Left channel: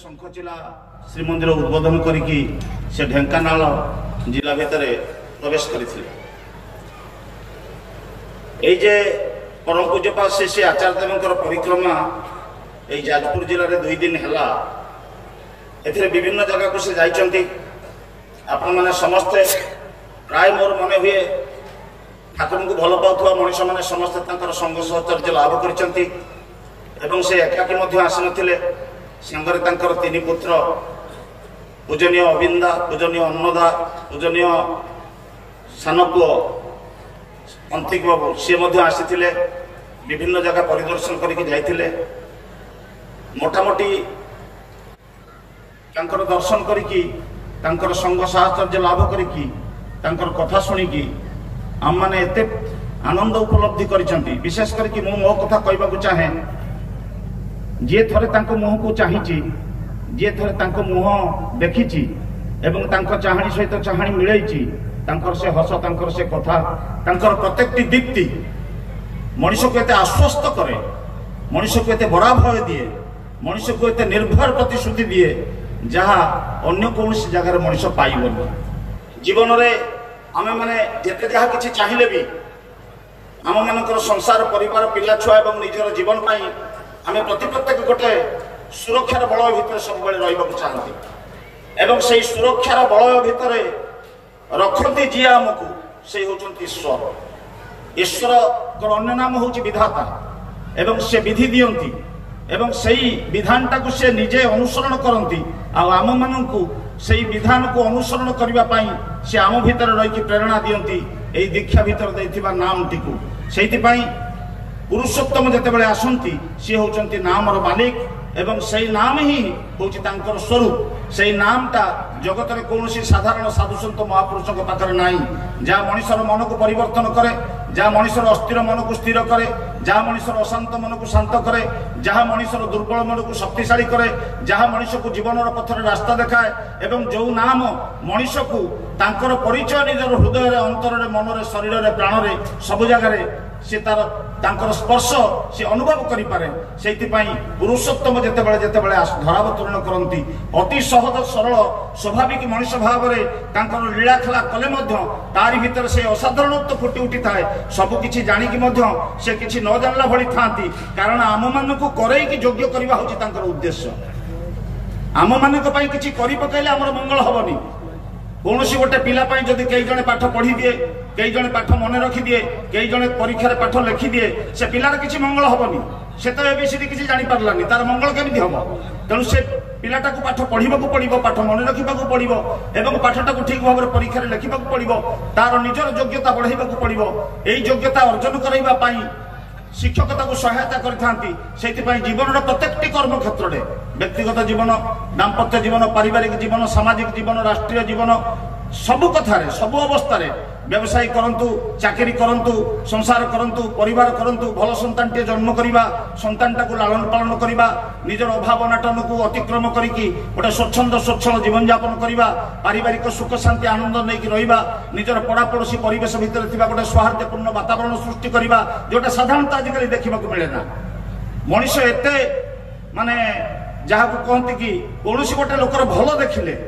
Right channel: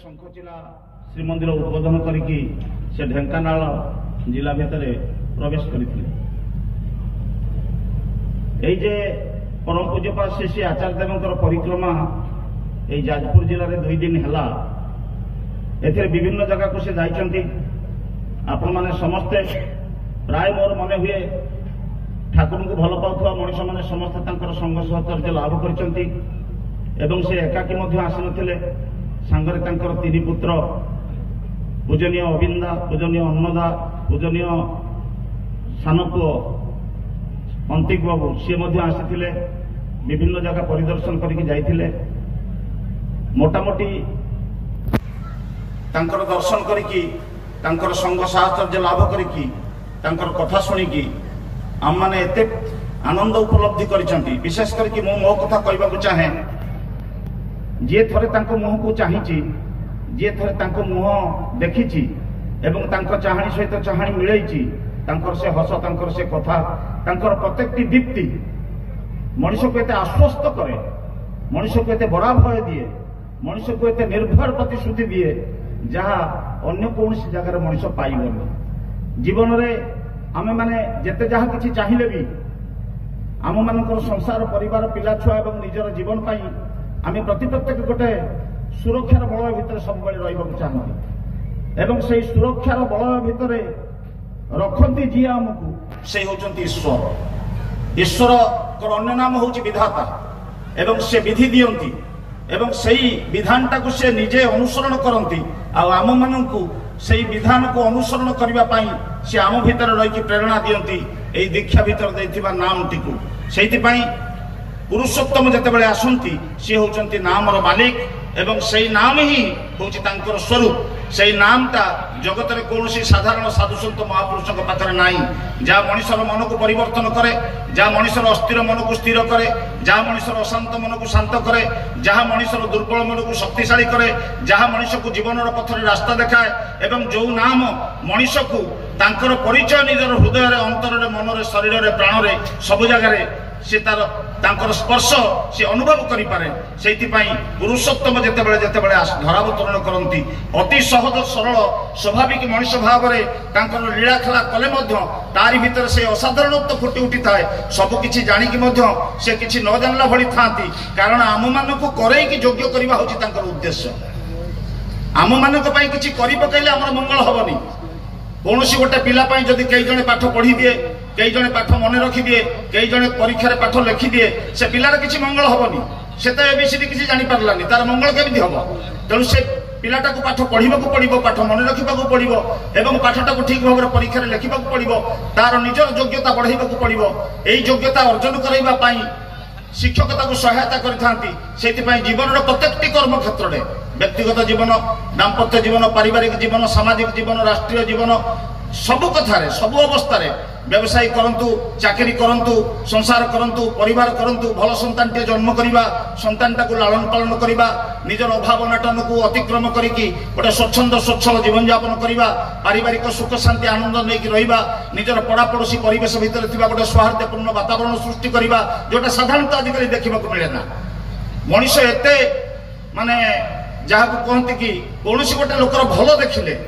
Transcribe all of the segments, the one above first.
शंखचिला श्रीमंदिर उद्बोधन करिकी से ढेंकानाल जिला भितर प्रवेश करथिले। एई जे परम पूज्यपाद श्री श्री आचार्य देवंकर परिक्रमा एई जाजपुर जिले में 2 दिन हैला एथिरे विभिन्न जगह को से जाइचंती। आपण माने समस्ते प्राय मोर मने हुए ठाकुर को भल पाउथवा मनुष्य माने समस्ते तांकर संग सहचर्य लाभ करचंती एवं से एकाकी मध्य आसी नथिले। सांगरे तांकर 3 पुत्र पूजनीय अविंदा, पूजनीय अन्नदा, पूजनीय सानपुओ अंतिक बाबू सी आसीथिले। विभिन्न जगह परिदर्शन करके जाइथिले। मोटामोटी तांकर दर्शन करिकी तांकर संग साहचर्य लाभ करिकी तांकर कथा शुणिकी आम माने एते आनंद उपलब्धि करिसंती। विशेष करके मो कथा कहबाकू चाहे जे थरे तांको मुह को चाहिची, जे थरे तांको मुह देखिची एवं तांको चाहाणी सहित चाहाणी मिलैची, तांकर से हस, तांकर से कथा, तांकर प्रत्येकटी दीप्ति मनुष्य को एते आश्वस्त करे, मनुष्य को एते बड़ा भय दिए, मनुष्य को एते निर्भर प्रतिश्रुति दिए जहा अन्य कौन जगार मनुष्य पाइबनी। जीवन रे आमे माने जेते जहा किछि चाहिले भी आम मानकर संसार परिवार पिला छुआ एवं निजर जीवन पाई आमे प्रत्येक गोटे सुरक्षार बलय भितर सब बेले रहिबाकू चाहंती एवं सेही सुरक्षार बलय भितर रखती जी आमको से होचंती ईश्वर। ईश्वर को अन्य नाम होची विधाता एवं से विधि दियंती एवं सही विधानटा को से निजे अनुसरण करती आम मानू सही विधान को अनुसरण करने पाई से आम भीतर रही प्रेरणा दियंती एई दीक्षा भीतर देथिबा नाम टिकु। सेहितिपाई पुरुषोत्तम जेतेबेले आसंती सी होचंती नामर मालिक एवं सही नाम ही होची तांकर स्वरूप। सही नामटा जगत में कौन साधारण साधुसंत महापुरुषों पाखे ना जहाँ मनुष्यर मन को परिवर्तन करे, जहाँ मनुष्यर अस्थिर मन को स्थिर करे, जहाँ मनुष्यर अशांत मन को शांत करे, जहाँ मनुष्यर दुर्बल मन को शक्तिशाली करे, जहाँ मनुष्य को जीवन पथर रास्ता देखाए एवं जो नाम मनुष्य को तांकर परिचय निजर हृदय अंतर मन शरीर प्राण सब जगह से तार स्पर्श से अनुभव करि पारे। सेहितिपाई पुरुषोत्तम जेतेबेले जेतेबेले धरावतरण करती अति सहज सरल स्वाभाविक मनुष्य भाव में तांकर लीला खेला कले मध्य तारि भीतर से असाधारणत्व फुटी उठी थाए। सब किछि जानिकी मध्य से किछि न जानला भली थांती, कारण आम मानकु करैकी योग्य करबा होछि तांकर उद्देश्य। आम मानक पई किछि करि पकैले हमर मंगल हबनी। कौन गोटे पिलापाई जदि कई जने पाठ पढ़ी दिए, कई जने पाठ मन रखी दिए, कई जने परीक्षा पाठ लिखि दिए, से पिलार किसी मंगल हबनी। से तो एबीसीडी किसी जानी पारलानी, तार मंगल केमिति हबो? तेणु से पिलाटा को पाठ पढ़िबाकू पड़िबो, पाठ मन रखिबाकू पड़िबो एवं पाठटा को ठीक भाव में परीक्षा लिखिबाकू पड़िबो, तार निजर योग्यता बढ़ाइबाकू पड़िबो। एई योग्यता अर्जन कराइबा पाई शिक्षकता को सहायता करथांती। सेतिपाई जीवन प्रत्येकटी कर्म क्षेत्र में व्यक्तिगत जीवन, दाम्पत्य जीवन, पारिवारिक जीवन, सामाजिक जीवन, राष्ट्रीय जीवन सब कथारे सब अवस्था व्यवसाय करंतु, चाकरी करंतु, संसार करंतु, परिवार करंतु, भल संतानटे जन्म करिबा, संतानटा को लालन पालन करिबा, निजर अभाव अनाटन को अतिक्रम करिकी गोटे स्वच्छंद स्वच्छल जीवन यापन करिबा, पारिवारिक सुख शांति आनंद नेकी रहिबा, निजर पड़ापड़ोशी परिवेश भितर थिबा गोटे सौहार्दपूर्ण वातावरण सृष्टि करिबा, जोटा साधारणतः आजिकली देखिबाकू मिले ना। मनुष्य एते माने जहाँ कहते कि कौन गोटे लोकर भल देखिले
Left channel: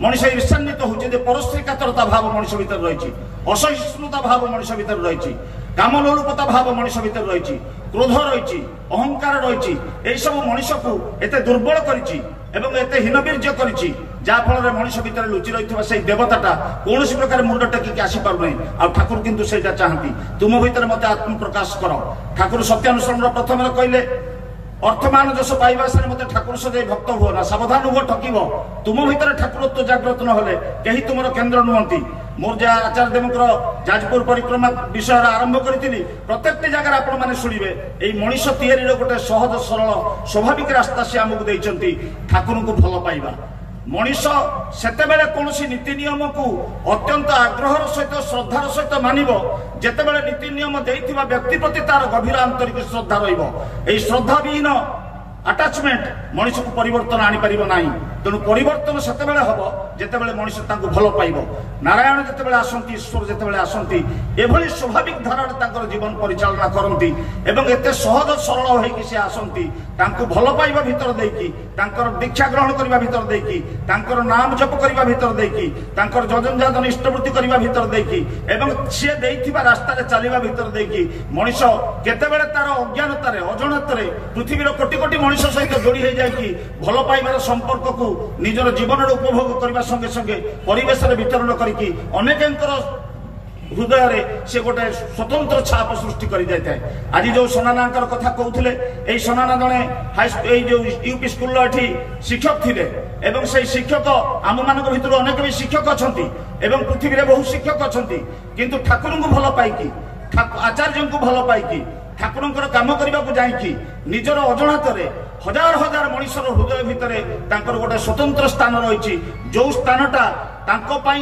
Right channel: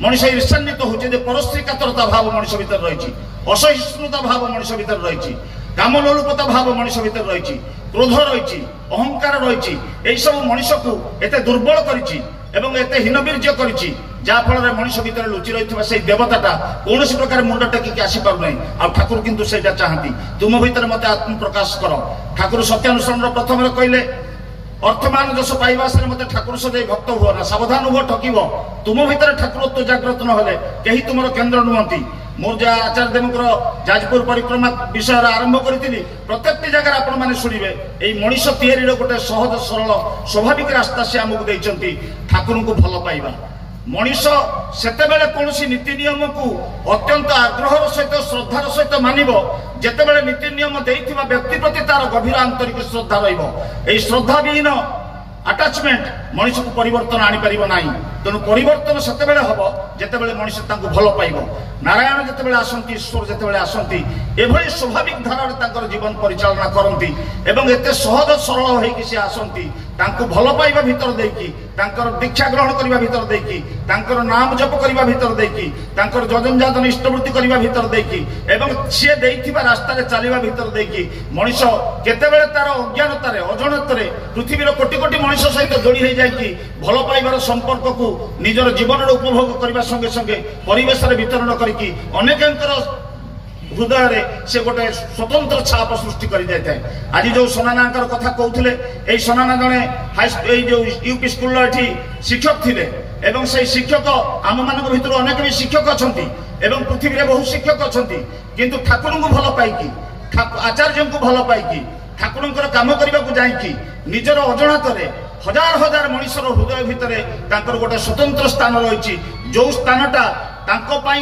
मनुष्य ईर्षान्वित होचे, परस्त्री कातरता भाव मनुष्य भीतर रही, असहिष्णुता भाव मनुष्य भीतर रही, कामलोलुपता भाव मनुष्य भीतर रही, क्रोध रही, अहंकार रही, यही सब मनुष्य को एते दुर्बल करिछि एवं एते हीनबीर्य करिछि, जहाँ फल मनुष्य भीतर लुचि रही से देवताटा कौन प्रकार मुंड टेकिक आसी पार नहीं। आ ठाकुर किंतु सेटा चाहती तुम भीतर मत आत्म प्रकाश कर। ठाकुर सत्यानुसरण प्रथम कहले अर्थमान जस पाइबा से मत ठाकुर सजे भक्त हुआ ना, सावधान हुआ ठकिब। तुम भीतर ठाकुरत्व जागृत न हेले कहीं तुम केन्द्र नुहति। मोर जा आचार्य देवकर जाजपुर परिक्रमा विषय आरंभ करी प्रत्येक जगह आपण मैंने शुणवे यही मनुष्य तैयारी गोटे सहज सरल स्वाभाविक रास्ता से आमको देती ठाकुर को भल पाइबा। मनुष्य सेतेबेले कौनसी नीति नियम को अत्यंत आग्रहर सहित श्रद्धार सहित मानिब, जेतेबेले नीति नियम देइथिबा व्यक्ति प्रति तार गभीर आंतरिक श्रद्धा रहिबो। एई श्रद्धा विहीन अटैचमेंट मनीष को परिवर्तन आनी पारिबो नाही। तेणु परिवर्तन सेतेबेले हबो जेतेबेले मनीष तांको भलो पाइबो। नारायण जेतेबेले आसंती, ईश्वर जेतेबेले आसंती, एभली स्वाभाविक धारार तांकर जीवन परिचालना करंती एवं एते सहज सरल होइकि से आसंती तांको भलो पाइबा भितर देकी, तांकर दीक्षा ग्रहण करिबा भितर देकी, तांकर नाम जप करिबा भितर देकी, तांकर जजन जातन इष्टवृत्ति करिबा भितर देकी एवं से देइथिबा रास्ता रे चलिबा भितर देकी मनीष केतेबेले तार अज्ञानतारे अजनतारे पृथ्वीर कोटि कोटि मनीष सहित जोड़ी हो जाए भल पाइबार संपर्क को निजर जीवन उपभोग करने संगे संगे परिवेश वितरण करके अनेकंकर हृदय रे से गोटे स्वतंत्र छाप सृष्टि कर जाए। आज जो सोनानांकर कथा कहते ये सोनाना जड़े जो यूपी स्कूल ये शिक्षक थे एवं से शिक्षक आम मान भर अनेक भी शिक्षक अच्छा पृथ्वी में बहुत शिक्षक अच्छा किंतु ठाकुर को भल पाई आचार्य को भल पाई ठाकुर काम करने को जाकि निजर अजणात हजार हजार मनीषर हृदय भितर गोटे स्वतंत्र स्थान रही जो स्थानटा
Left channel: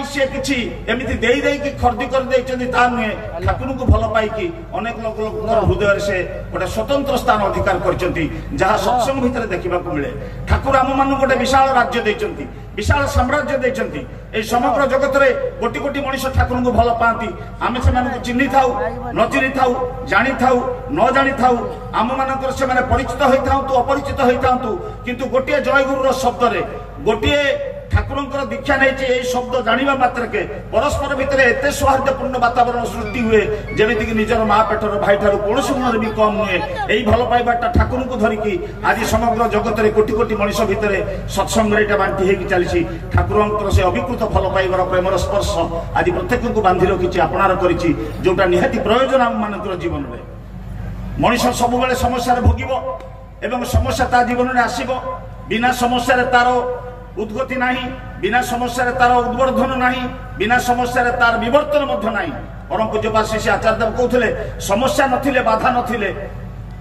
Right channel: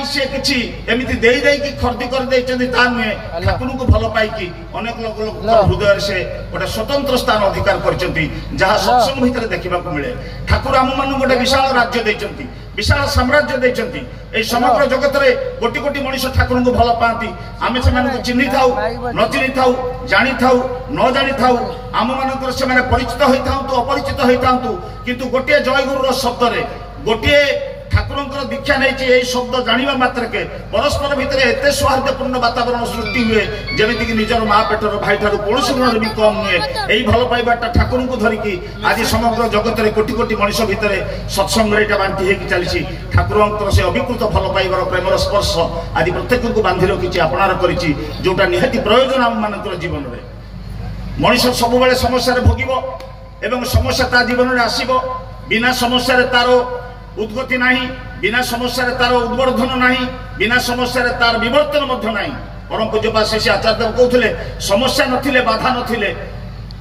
से किसी एमती देकी खर्दी कर नुहे ठाकुर को भल पाई अनेक लोक हृदय से गोटे स्वतंत्र स्थान अधिकार कर सत्संग भितर देखा मिले। ठाकुर आम मान गोटे विशाल राज्य देते, विशाल साम्राज्य देते समग्र जगत में कोटि कोटि मनीष ठाकुर को भल पाती आम से चिन्ह था न चिन्ह था जानी था न जानी था आम मान से परिचित होता अपरिचित होता किंतु गोटे जयगुरु शब्द गोटे ठाकुर दीक्षा नहीं शब्द जाना मात्र के परस्पर भितर एत सौहार्दपूर्ण वातावरण सृष्टि हुए जमीक निजर माँ पेटर भाई ठार कौन गुण भी कम नुहे। यही भल पाइबाटा ठाकुर को धरिकी आज समग्र जगत में कोटि कोटि मनीष भितर सत्संग बांटी होगी चली ठाकुर से अभिकृत भल पाइबार प्रेमर स्पर्श आज प्रत्येक को बांधि रखी अपनार करोटा निहाती प्रयोजन आम मान जीवन में। मनीष सब समस्या भोग एवं समस्या ता जीवन में आसब बिना समस्या तार उद्गति नहीं, बिना समस्या तार उद्वर्धन नहीं, बिना समस्या तार विवर्तन नहीं। परम पूज्यपाद श्री आचार्य देव कहते समस्या नथिले बाधा नथिले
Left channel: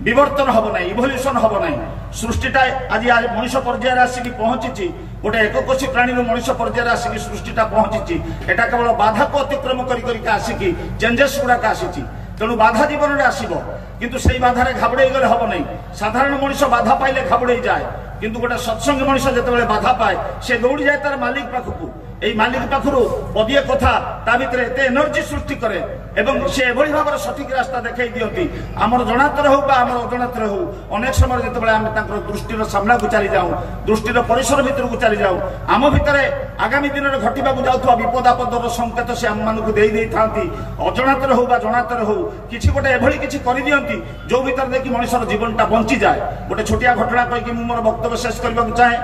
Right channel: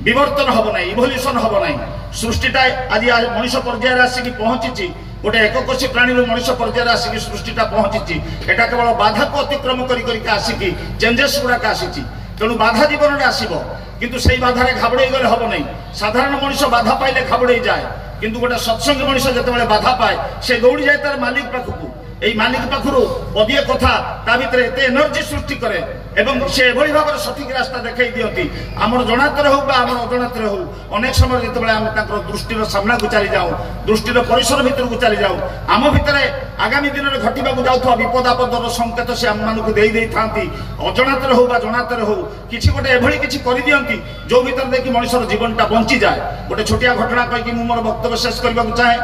विवर्तन हम ना, इभोल्यूशन हम ना। सृष्टिटा आज मनीष पर्यायर आसिक पहुंची गोटे एककोशी प्राणी मनीष पर्यायर आसिक सृष्टिटा पहुंची एटा केवल बाधा को अतिक्रम कर आसिक चेंजेस गुड़ाक आसी तेणु बाधा जीवन में आसब किंतु से बाधार घाबड़े गले हम नहीं। साधारण मनीष बाधा पाइले घाबड़े जाए किंतु गोटे सत्संग मनीष जिते बाधा पाए से दौड़ी जाए तार मालिक पाखक मालिक पाखर पदिए कथा ता भीतर एत एनर्जी सृष्टि करे एवं से एभली भाव सठिक रास्ता देखई दियंती आमर जनातर हो आमर अजनातर हो अनेक समय जिते आम दृष्टिर सामना को चली जाऊँ दृष्टिर परिसर भीतर को चली जाऊँ आम भितर आगामी दिन में घटवा जाऊा विपद आपदर संकेत से आम मानक दे था अजनातर हो जनातर हो किसी गोटे एभली किसी कर दियंती जो भीतर देखिए मनुष्यर जीवनटा बंची जाए। गोटे छोटिया घटना कहीकि मोर वक्तव्य शेष करने को चाहे।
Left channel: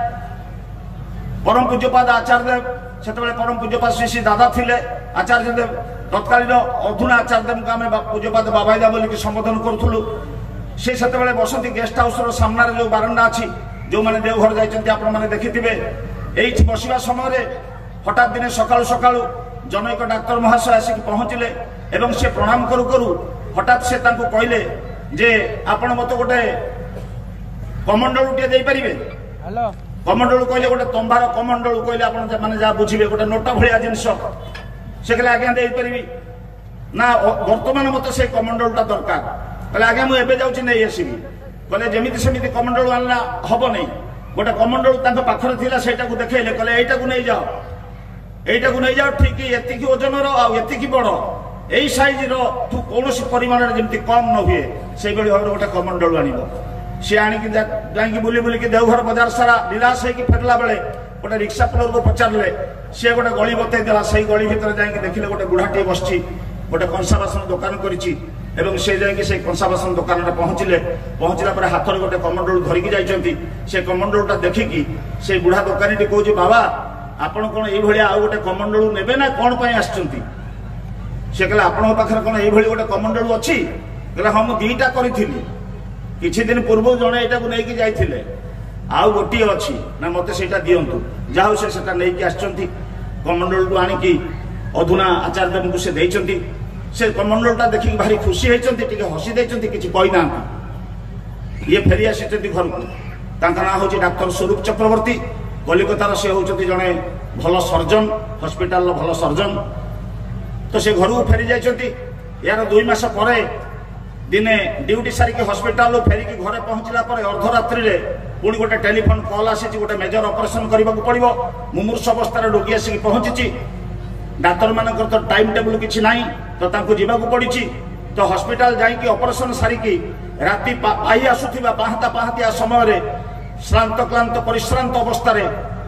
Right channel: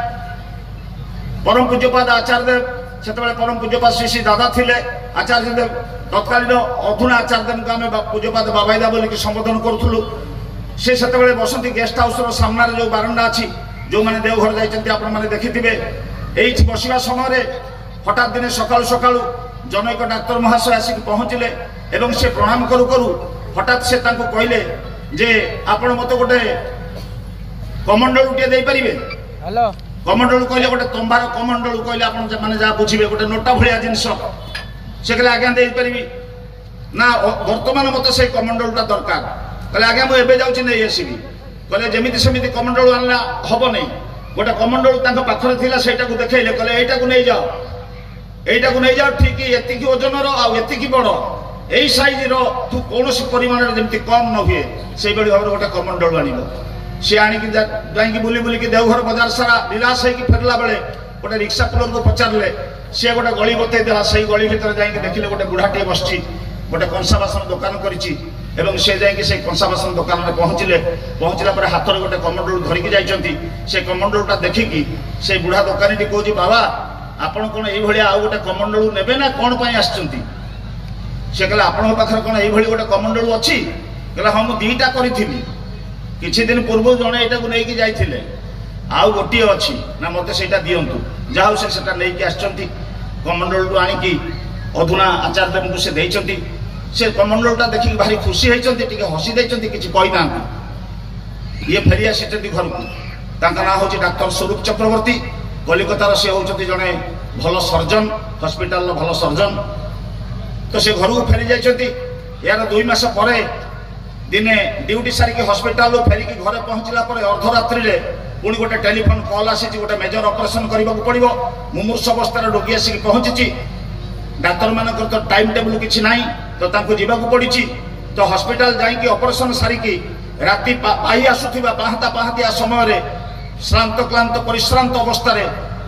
परम पूज्यपाद आचार्य देव से परम पूज्यपाद श्री श्री दादा थे आचार्य देव तत्कालीन अधुना आचार्य देव को आम पूज्यपाद बाबाईदा बोलिक संबोधन करूँ से बसती गेस्ट हाउस सामने जो बारंडा अच्छी जो मैंने देवघर जाइए आपने देखिथे ये बसवा समय हठात दिन सका सका जनक डाक्तर महाशय आसिक पहुँचले एवं से प्रणाम करू करू हठात से कहले जे आपण मत गोटे कमंडल टे दे पारिबे। हेलो कमंडल कहले गोटे तंबार कमंडल कहले आपण माने जा बुझिबे गोटे नोटा भलिया जिंस से कहले आज्ञा दे पारिबे ना वर्तमान मत से कमंडलटा दरकार कहले आज्ञा मु एबे जाउछि नै आसीबी कहले जेमिति सेमिति कमंडल आनला हबो नै गोटे कमंडल तांका पाखरे थिला सेटा को देखाइले कहले एटा को नै जाओ ठीक एतिकी ओजनर आ एतिकी बड़ यही साइज तू कौन परिमाण जमी कम न हुए से भाव गोटे कमंडल आन सी आणिक जा बुली बुलिक देवघर बाजार सारा निराश होगी फेरला बेले गोटे रिक्शा पुलर को पचारे सी गोटे गली बतईदेला से गली भर जा देखिले गोटे बुढ़ाटे बस गोटे कंसा बासन दुकान कर से जा कंसा बासन दुकान में पहुँचला हाथ में गोटे कमंडल धरिकी जाइए से कमंडलटा देखिकी से बुढ़ा दुकानी कहे बाबा आपड़ कौन ये आउ गोटे कमंडल ने ना कौन पर आसुँच से कहला आपण पाखर कौन ये गोटे कमंडल अच्छी कहला हाँ मुझे दीटा करी किछि दिन पूर्व जड़े यहाँ को लेकिन जाइए आउ गोटे अच्छी ना मत से दिंतु जाऊ से कमंडल टू आणिकी अधुना आचार्य देव को से देइचंती से कमंडलटा देखिक भारी खुशी होती हसी देइचंती किछि कहिना ये फेरी आसी घर को ना हूँ डाक्तर स्वरूप चक्रवर्ती कलिकतार से होती जड़े भल सर्जन हस्पिटाल भल सर्जन तो से घर को फेरी जाइए यार 2 मास पर दिने ड्यूटी सारिकी हॉस्पिटल फेरिकी घरे पहुंचला पर अर्धरात्रि रे पुणी गोटे टेलीफोन कॉल आसी गोटे मेजर ऑपरेशन करने पड़ो मुमूर्ष अवस्था रोगी आसिक पहुंची डाक्तर मानकर तो टाइम टेबल किसी ना तो जावाक पड़ी तो हॉस्पिटल जाइए ऑपरेशन सारिकी राति पाई आसुवा पाहता पाहतिया समय श्रांत क्लांत परिश्रांत अवस्था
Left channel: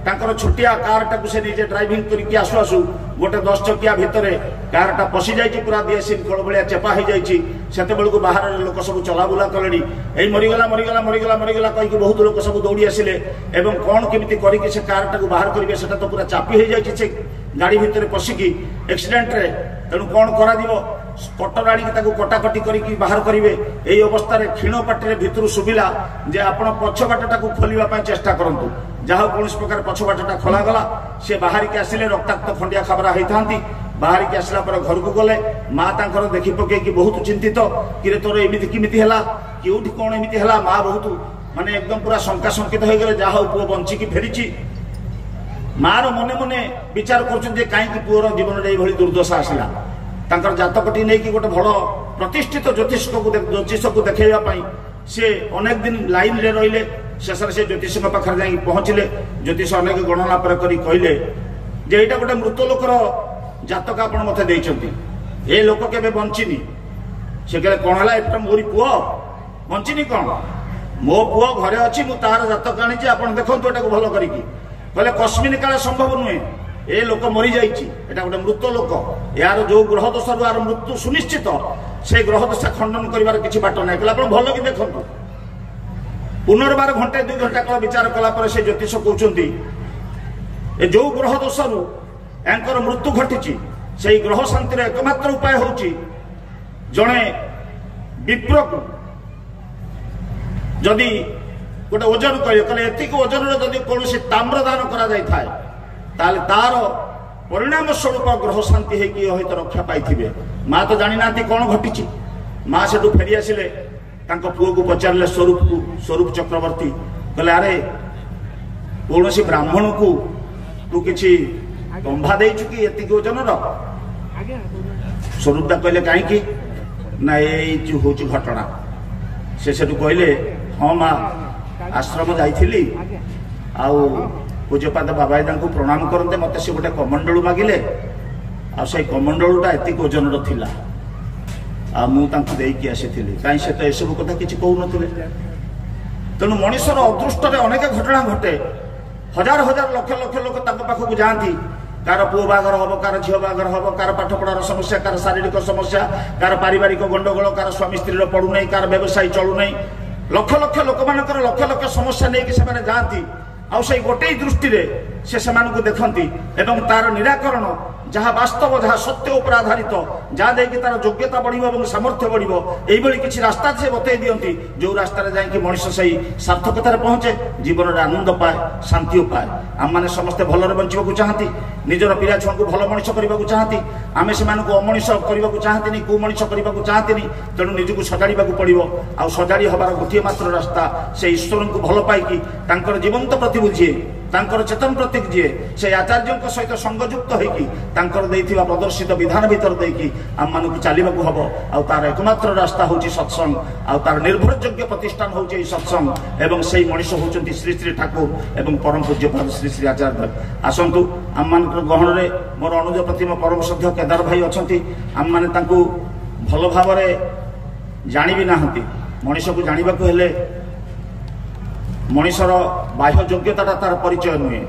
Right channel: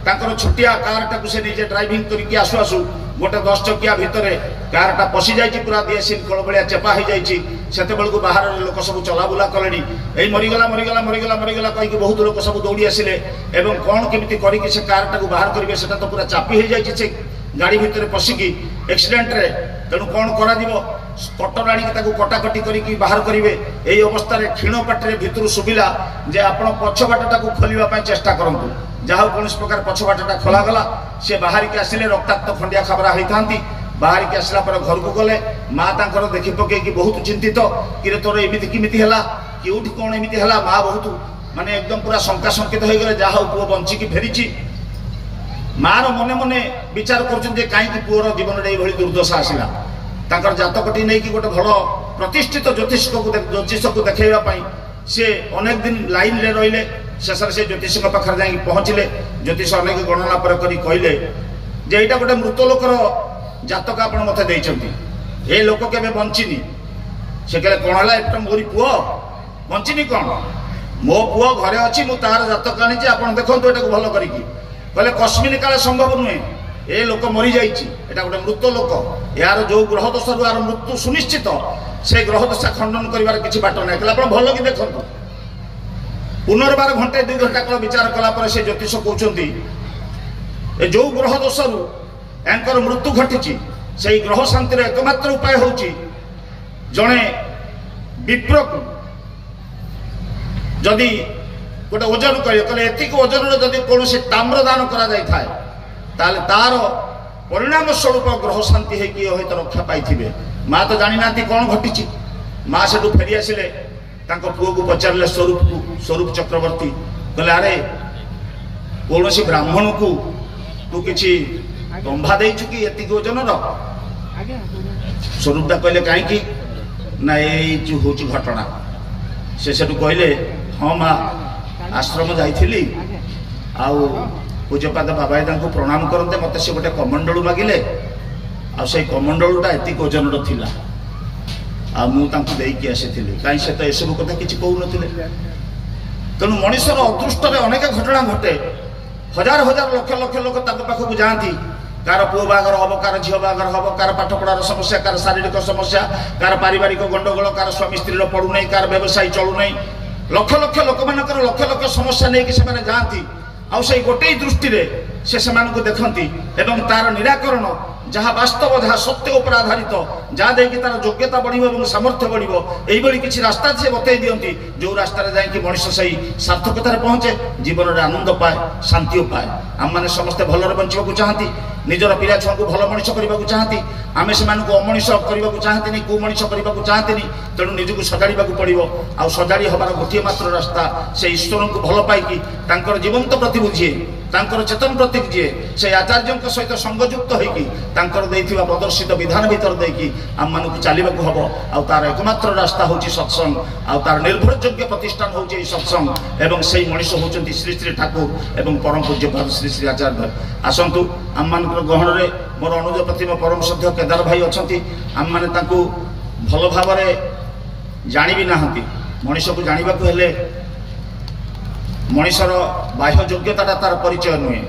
छुटिया कार टाक से निजे ड्राइविंग करके आसु आसु गोटे 10 चकिया भितर कार टा पशि जाइए पूरा दिएसिल कोल भलिया चेपा हो जाइए सेते बेलू बाहर लोक सब चलाबुला कले यही मरीगला मरीगला मरीगला मरीगला कहीं बहुत लोक सब दौड़ी आसिले एवं कौन केमिति करिके से कार टाक बाहर करेंगे से तो पूरा चापी हो जाइए से गाड़ी भितर पशिकी एक्सीडेंट रे तेणु कौन करा कटर आड़ी कटाकटी करके बाहर करेंगे यही अवस्था क्षीण पाटे भितर शुभिला जे आपण पछबाटा खोलने चेष्टा करूँ जहाँ कौन प्रकार पछबाटा खोलागला सी बाहर के आसिले रक्ताक्त खंडिया खबरा होता बाहर के आसला पर घर को गले माँ तांकर देखी पकईकि बहुत चिंतित कि तोर एमती किमिति है कि कौन एमती है माँ बहुत माने एकदम पूरा शंका शंकित हो गए जहाँ पुओ बंचिकी फेरी मार मने मने विचार कर कहीं पुओर जीवन में ये दुर्दशा आसला तांकर जातकटी नहीं कि गोटे भल प्रतिष्ठित ज्योतिष को देखा सी अनेक दिन लाइन रे रहिले शेष से ज्योतिष पाखे जा पहुँचले ज्योतिष अनेक गणना पर कहले जे यहाँ गोटे मृत लोकर जातक आप मत ये लोक के बंचिनी से कहले कौन है मोरी पुओ बंचिनी कौन मो पुओ घरे अच्छी मु तार जातक आनी आप देखो ये भल करें कस्मिन काले संभव नुहे ए लोक मरी जाइए गोटे मृत लोक यार जो ग्रह दोष यार मृत्यु सुनिश्चित से ग्रह दशा खंडन कर किसी बाट ना कहले भल कि देखो पुनर्बार घंटे 2 घंटा काल विचार कला से ज्योतिष कहते जो ग्रह दोष यांकर मृत्यु घटी से ग्रह शांतिर एकमात्र उपाय हूँ जड़े विप्र को जदि गोटे ओजन कहे एतिक ओजन जदि कौन ताम्र दान कर तार परिणाम स्वरूप ग्रह शांति होती रक्षा पाई माँ तो जानी ना कौन घटी माँ से फेरी आसिले पुओ को पचारे स्वरूप चक्रवर्ती कहले अरे कौन सी ब्राह्मण को तू किसी दंभा दे कि एति ओजन स्वरूपटा कहले कहीं ना ये हूँ घटना से कहले हाँ माँ आश्रम जाइली आउ पूज्यपाद बाबाईदा को प्रणाम करते मत से गोटे कमंडलू मागिले आई कमंडलूटा एतिक ओजन थिला मुझे आसी कहीं से तो यू कथा किसी कहून तेणु मनुष्यर अदृष्ट अनेक घटना घटे हजार हजार लक्ष लक्ष लोक पाखक जाती कार पुओ बागर हम कार झील बागर हम कार पाठपढ़ार समस्या कार शारीरिक समस्या कार पारिवारिक गंडगोल कार स्वामी स्त्री पड़ूना कार व्यवसाय चलूना लक्ष लक्ष लोक मान लक्ष लक्ष समस्या नहीं जाती आउ से गोटे दृष्टि से देखती एवं तार निराकरण जहाँ वास्तव जहाँ सत्य उपर आधारित जहाँ देखिए तार योग्यता बढ़ सामर्थ्य बढ़ यही किसी रास्ता से बतई दिखती जो रास्ता जाकि मनुष्य से सार्थकतार पहुंचे जीवन में आनंद पाए शांति पाए आम मैंने समस्ते भलरे बंचवाक चाहती निजर पिला छुआ को भल मनीष करने चाहती आम से अमनीष करने चाहती कुमनीष करने चाहती तेणु निजक सजाड़ा पड़ो आ सजाड़ी हबार गोटे मात्र रास्ता से ईश्वर को भल पाई जीवंत प्रतिबुझे चेतन प्रतीक जी से आचार्य सहित संगयुक्त होकर प्रदर्शित विधान भीतर देखी आम मान चलने हम आर एकमात्र रास्ता हूँ सत्संग आर निर्भरयोग्य प्रतिष्ठान हूँ सत्संग एवं से मनीष होती श्री श्री ठाकुर एवं परम पूज्यपाद श्री श्री आचार्य आसतु आम मान गहन में मोर अनुज प्रतिम परम श्रद्धा केदार भाई अच्छा आम मैंने भल भाव जानी भी ना मनीष को जानवा हेले मनीषर बाह्य योग्यता तार परिचय नुहे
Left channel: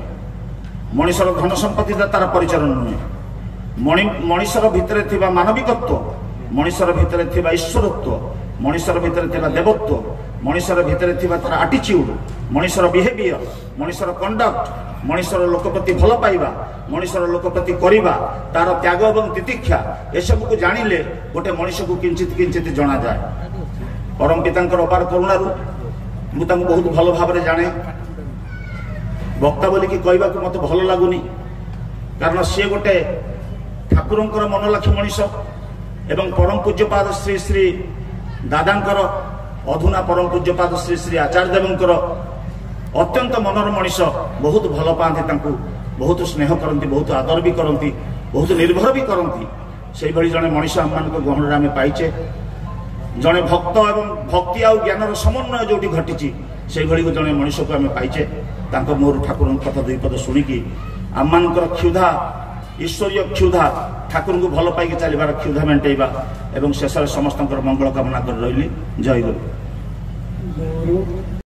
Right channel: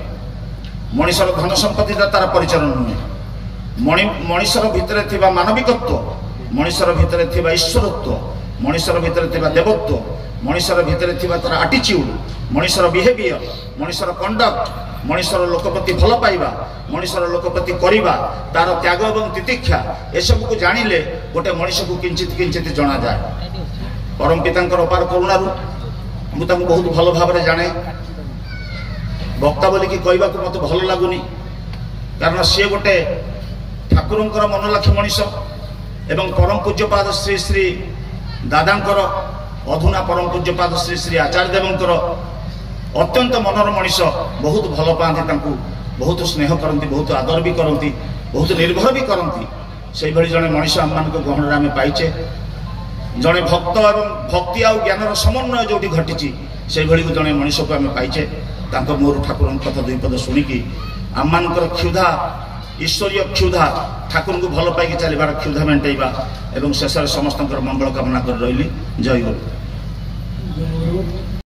मनीषर धन संपत्ति तार परिचय नुहे मनीषर भितर थिबा मानविकत्व मनीषर भितर थिबा ईश्वरत्व मनीषर भितर थिबा देवत्व मनीषर भितर थिबा तार आटिट्यूड मनीषर बिहेवियर मनीषर कंडक्ट मनीषर लोक प्रति भल पाइबा मनीषर लोक प्रति करिबा तार त्याग एवं तितिक्षा ए सब को जानिले गोटे मनीष को किंचित किंचित जना जाए परम पितांकर अपार करुणारू मुझे बहुत भल भाव जाने वक्ता बोली कहवा मत भल लगुनि कारण सी गोटे ठाकुर मनलाखी मनीष एवं परम पूज्यपाद श्री श्री दादांकर अधुना परम पूज्यपाद श्री श्री आचार्य देवंकर अत्यंत मनर मनीष बहुत भल पाती बहुत स्नेह करती बहुत आदर भी करती बहुत निर्भर भी करती से जड़े मनीष आम मान गहन आम पाइचे जड़े भक्त एवं भक्ति आउ ज्ञान समन्वय जो घटी से जड़े मनीष को आम पाइचे मोर ठाकुर कथा दुई पद शुणिकी आम मान क्षुधा ईश्वरीय क्षुधा ठाकुर को भल पाई चलबार क्षुधा मेटेबा एवं शेष समस्त मंगल कामना कर रही जय गुरु।